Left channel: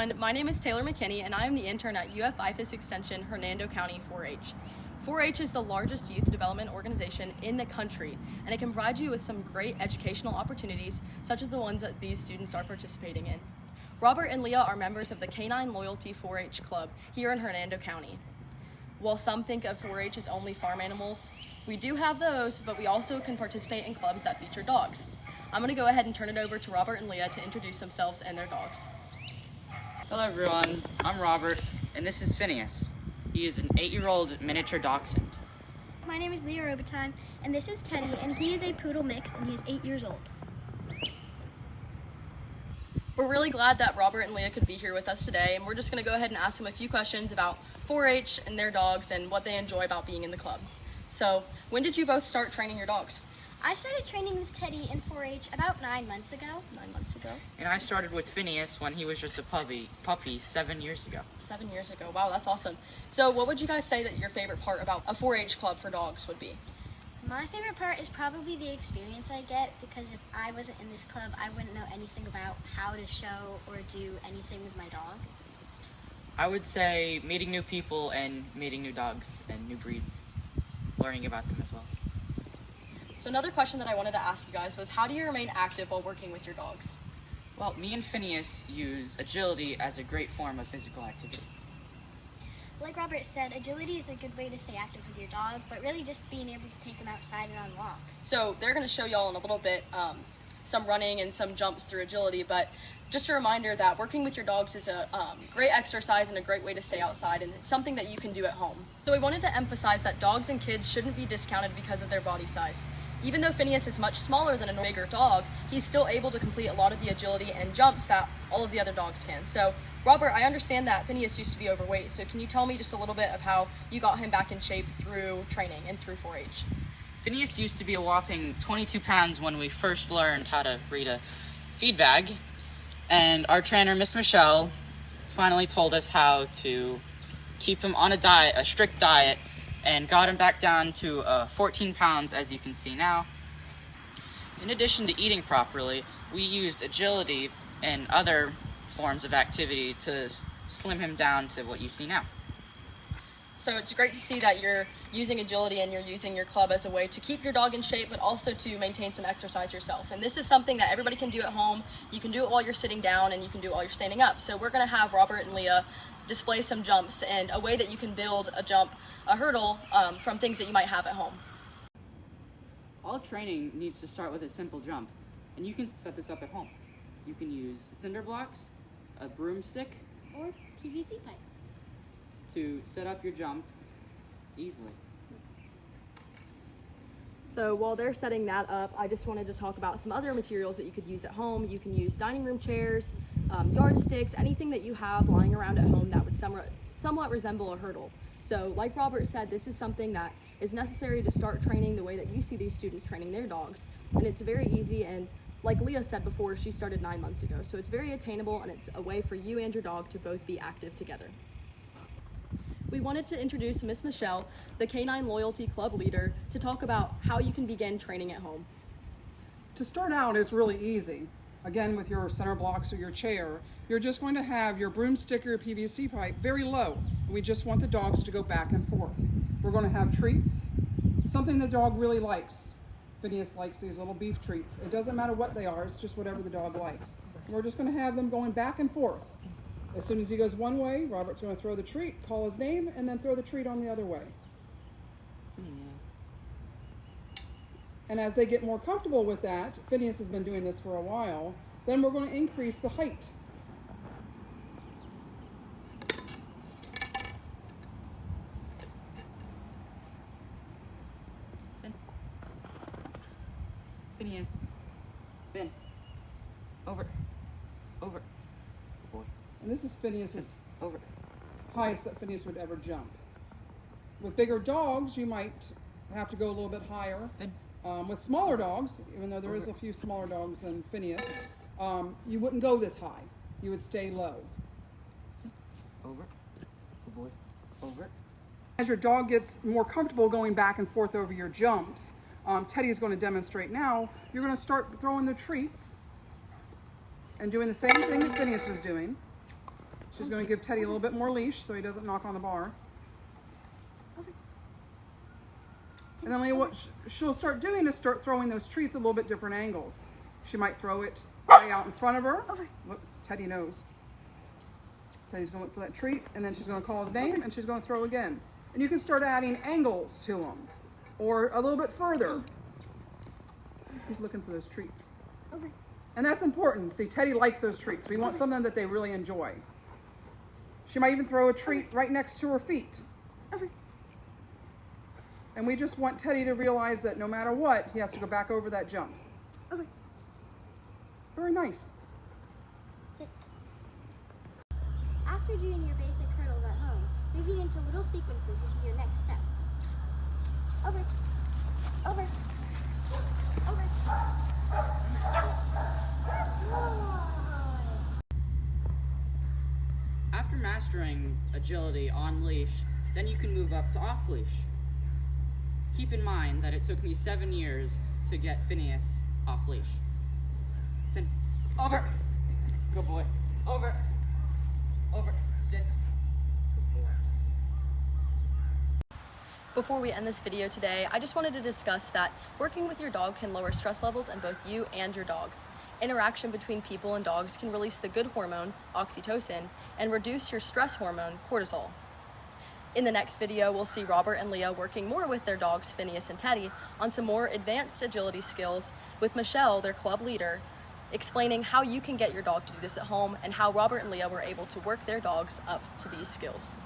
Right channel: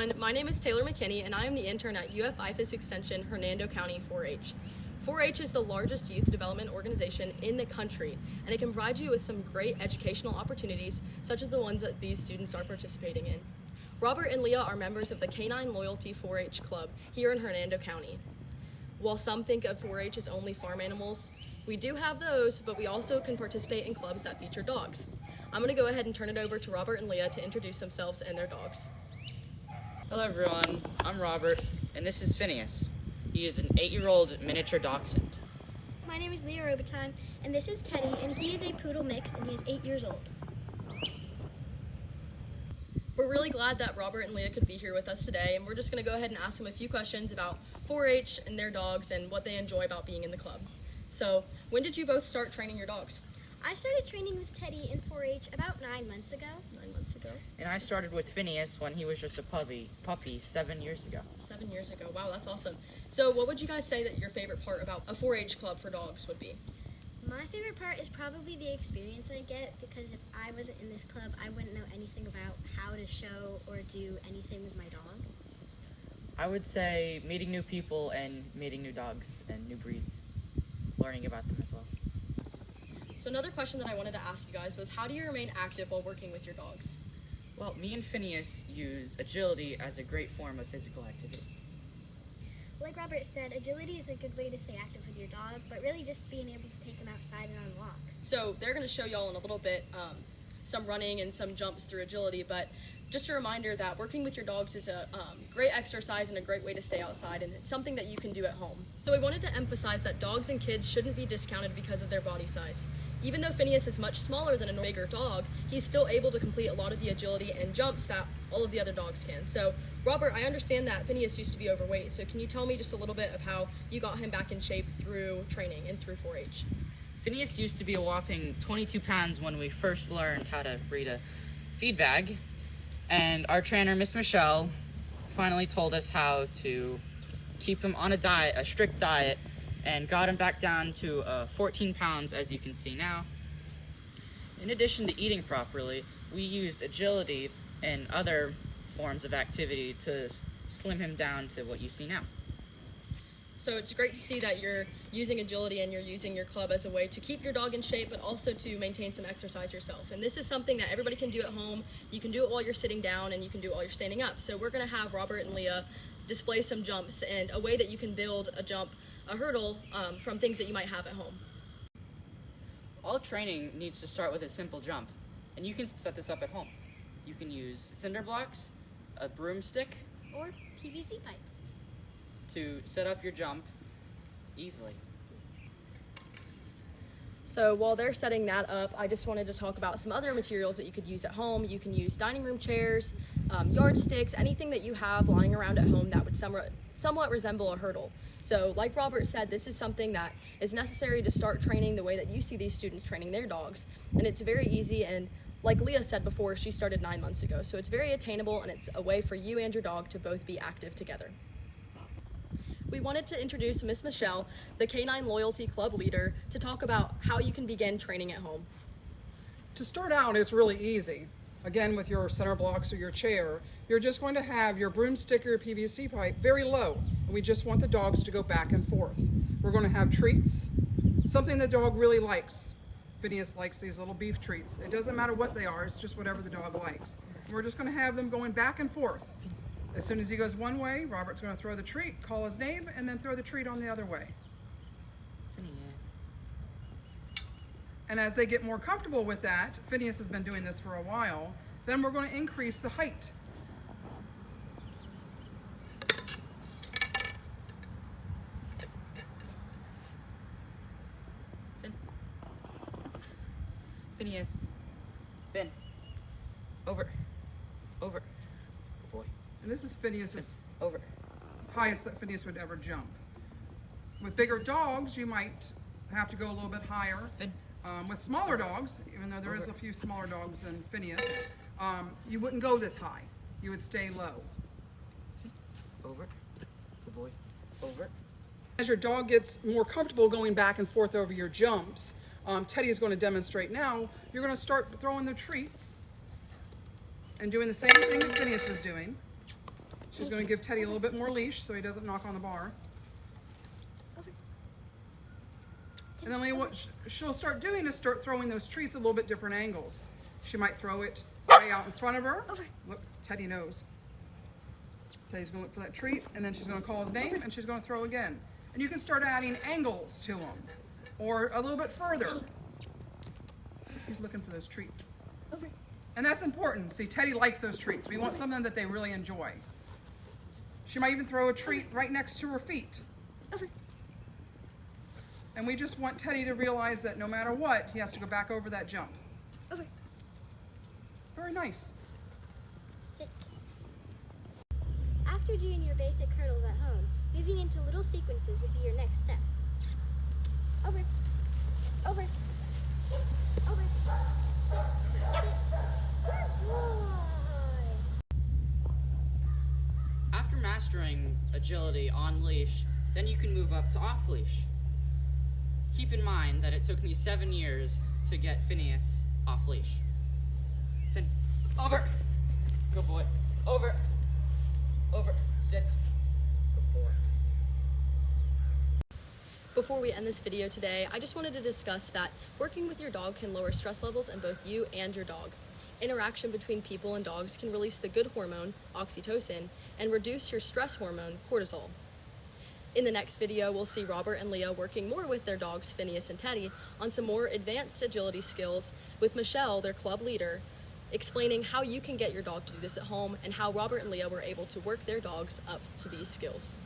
everyone, my name is Taylor McKinney and I am the intern at UF IFAS Extension Hernando County 4-H. 4-H is the largest youth development organization in the country, and it can provide you with some great educational opportunities such as the ones that these students are participating in. Robert and Leah are members of the Canine Loyalty 4-H Club here in Hernando County. While some think of 4-H as only farm animals, we do have those, but we also can participate in clubs that feature dogs. I'm going to go ahead and turn it over to Robert and Leah to introduce themselves and their dogs. Hello everyone, I'm Robert, and this is Phineas. He is an 8-year-old miniature dachshund. My name is Leah Robitaille, and this is Teddy, and he is a poodle mix, and he is 8 years old. We're really glad that Robert and Leah could be here with us today, and we're just going to go ahead and ask them a few questions about 4-H and their dogs and what they enjoy about being in the club. So, when did you both start training your dogs? I started training with Teddy in 4-H about 9 months ago. 9 months ago. And I started with Phineas when he was just a puppy 7 years ago. 7 years ago. Wow, that's awesome. So what would you guys say that your favorite part about a 4-H club for dogs would be? My favorite part is probably the experience I get, because if I wasn't in this club, I wouldn't know anything about how to show or do anything with my dog. I would say meeting new people and meeting new dogs and new breeds, learning about them as well. So another question that I wanted to ask you guys was, how do you remain active while working with your dogs? Well, me and Phineas use agility as a great form of physical activity. Like Robert said, agility is a good way to stay active with your dog, but really just being able to take them outside and on walks. So they're going to show y'all in a little bit some running and some jumps through agility, but just a reminder that working with your dogs is a great exercise and a great way to stay outside, and it's something that you can do at home. So we wanted to emphasize that dogs and kids shouldn't be discounted because of their body size. Even though Phineas is much smaller than a bigger dog, he's still able to complete a lot of the agility and jumps that all of the other dogs can. So Robert, I understand that Phineas used to be overweight, so can you tell me just a little bit of how you got him back in shape through training and through 4-H? Phineas used to be a whopping 22 pounds when we first learned how to read a feed bag, and our trainer, Miss Michelle, finally told us how to keep him on a diet, a strict diet, and got him back down to 14 pounds, as you can see now. In addition to eating properly, we used agility and other forms of activity to slim him down to what you see now. So it's great to see that you're using agility and you're using your club as a way to keep your dog in shape, but also to maintain some exercise yourself. And this is something that everybody can do at home. You can do it while you're sitting down, and you can do it while you're standing up. So we're going to have Robert and Leah display some jumps and a way that you can build a hurdle from things that you might have at home. All training needs to start with a simple jump, and you can set this up at home. You can use cinder blocks, a broomstick, Or PVC pipe. to set up your jump easily. So while they're setting that up, I just wanted to talk about some other materials that you could use at home. You can use dining room chairs, yardsticks, anything that you have lying around at home that would somewhat resemble a hurdle. So like Robert said, this is something that is necessary to start training the way that you see these students training their dogs. And it's very easy, and like Leah said before, she started 9 months ago. So it's very attainable, and it's a way for you and your dog to both be active together. We wanted to introduce Miss Michelle, the Canine Loyalty Club leader, to talk about how you can begin training at home. To start out, it's really easy. Again, with your center blocks or your chair, you're just going to have your broomstick or PVC pipe very low. We just want the dogs to go back and forth. We're going to have treats, something the dog really likes. Phineas likes these little beef treats. It doesn't matter what they are, it's just whatever the dog likes. And we're just going to have them going back and forth. As soon as he goes one way, Robert's going to throw the treat, call his name, and then throw the treat on the other way. And as they get more comfortable with that, Phineas has been doing this for a while, then we're going to increase the height. Phineas. Finn. Over. Good boy. And this is Phineas's Over. highest that Phineas would ever jump. With bigger dogs, you might have to go a little bit higher. Finn. With smaller dogs, even though there is a few smaller dogs than Phineas, you wouldn't go this high. You would stay low. Over. Good boy. Over. As your dog gets more comfortable going back and forth over your jumps, Teddy is going to demonstrate now. You're going to start throwing the treats and doing the same thing that Phineas was doing. She's going to give Teddy a little bit more leash so he doesn't knock on the bar. Over. And then Leah, what she'll start doing is start throwing those treats at a little bit different angles. She might throw it way out in front of her. Over. Look, Teddy knows. Teddy's going to look for that treat, and then she's going to call his name, and she's going to throw again. And you can start adding angles to them, or a little bit further. He's looking for those treats. Over. And that's important. See, Teddy likes those treats. We want something that they really enjoy. She might even throw a treat right next to her feet. Over. And we just want Teddy to realize that no matter what, he has to go back over that jump. Over. Very nice. Sit. After doing your basic hurdles at home, moving into little sequences would be your next step. Over. Over. Over. After mastering agility on leash, then you can move up to off leash. Keep in mind that it took me 7 years to get Phineas off leash. Then over. Good boy. Over. Over. Sit. Good boy. Before we end this video today, I just wanted to discuss that working with your dog can lower stress levels in both you and your dog. Interaction between people and dogs can release the good hormone, oxytocin, and reduce your stress hormone, cortisol. In the next video, we'll see Robert and Leah working more with their dogs, Phineas and Teddy, on some more advanced agility skills with Michelle, their club leader, explaining how you can get your dog to do this at home and how Robert and Leah were able to work their dogs up to these skills.